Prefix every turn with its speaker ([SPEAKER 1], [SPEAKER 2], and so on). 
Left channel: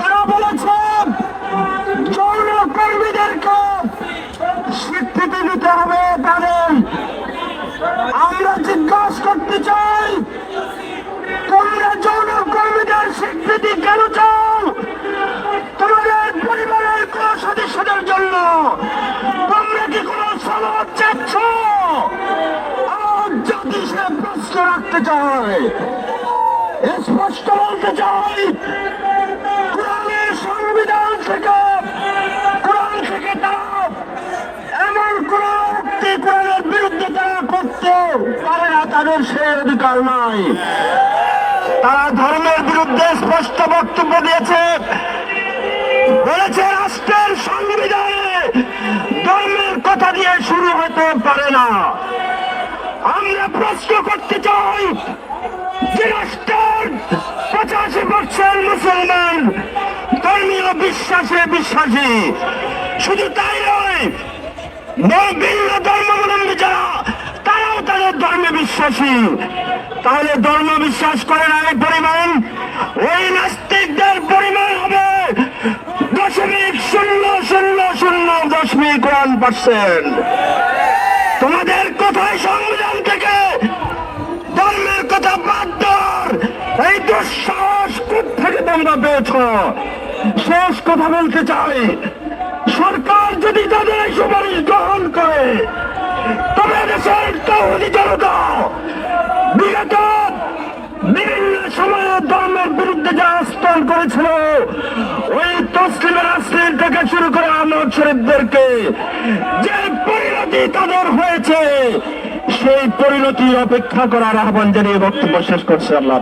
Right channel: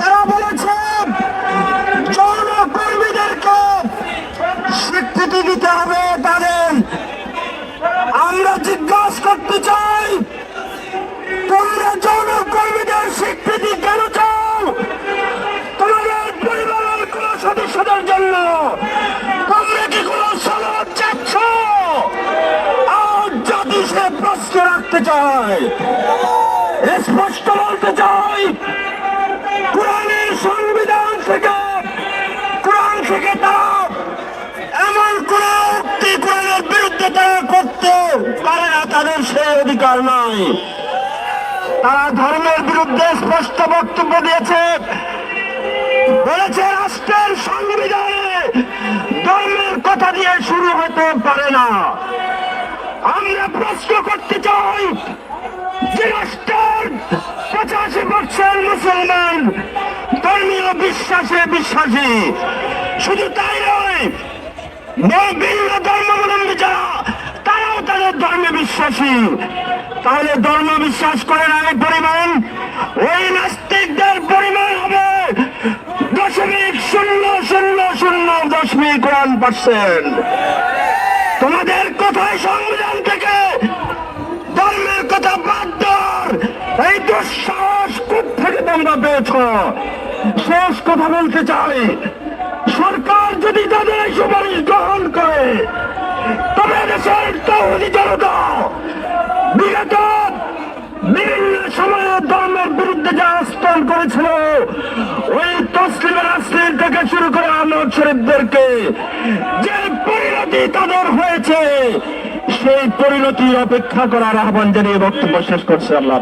[SPEAKER 1] তারা বলেছে যৌনকর্মীদেরকে স্বীকৃতি দিতে হবে তাদের। আমরা জিজ্ঞাসা করতে চাই, তোমরা যৌনকর্মীদের স্বীকৃতি কেন চাও? তোমাদের পরিবারের কোন সদস্যদের জন্য তোমরা কি কোনো সালাদ চাচ্ছ? আর যদি সে প্রশ্ন রাখতে চায়, স্পষ্ট বলতে চাই থেকে, কোরআন থেকে এমন করতে পারে না, তাদের সেই অধিকার নাই। তারা ধর্মের বিরুদ্ধে স্পষ্ট বক্তব্য দিয়েছে। বলেছে, রাষ্ট্রের সংবিধানে ধর্মের কথা দিয়ে শুরু হতে পারে না। আমরা প্রশ্ন করতে চাই যে রাষ্ট্রের বিশ্বাসে বিশ্বাসী। শুধু তাই নয় ধর্মাবলম্বী যারা, তারাও তাদের ধর্মে বিশ্বাসী। তাহলে ধর্ম বিশ্বাস করে না, এই পরিমাণ? ওই নাস্তিকদের পরিমাণ হবে। দশমিক শূন্য শূন্য শূন্য, দশমিক ওয়ান পার্সেন্ট। তোমাদের কোথায় সংবিধান থেকে ধর্মের কথা বাদ দেওয়ার এই দুঃসাহস থেকে তোমরা পেয়েছ? শেষ কথা বলতে চাই সরকার যদি তাদের সুপারিশ গ্রহণ করে, তবে দেশের তৌহিদি জনতা বিগত বিভিন্ন সময়ে ধর্মের বিরুদ্ধে যে আস্তর করেছিল, ওই তসলিমের আসলিম থেকে শুরু করে আনোয়ার শরীফদেরকে যে পরিণতি তাদের হয়েছে, সেই পরিণতি অপেক্ষা করার আহ্বান জানিয়ে বক্তব্য শেষ করছে আল্লাহ।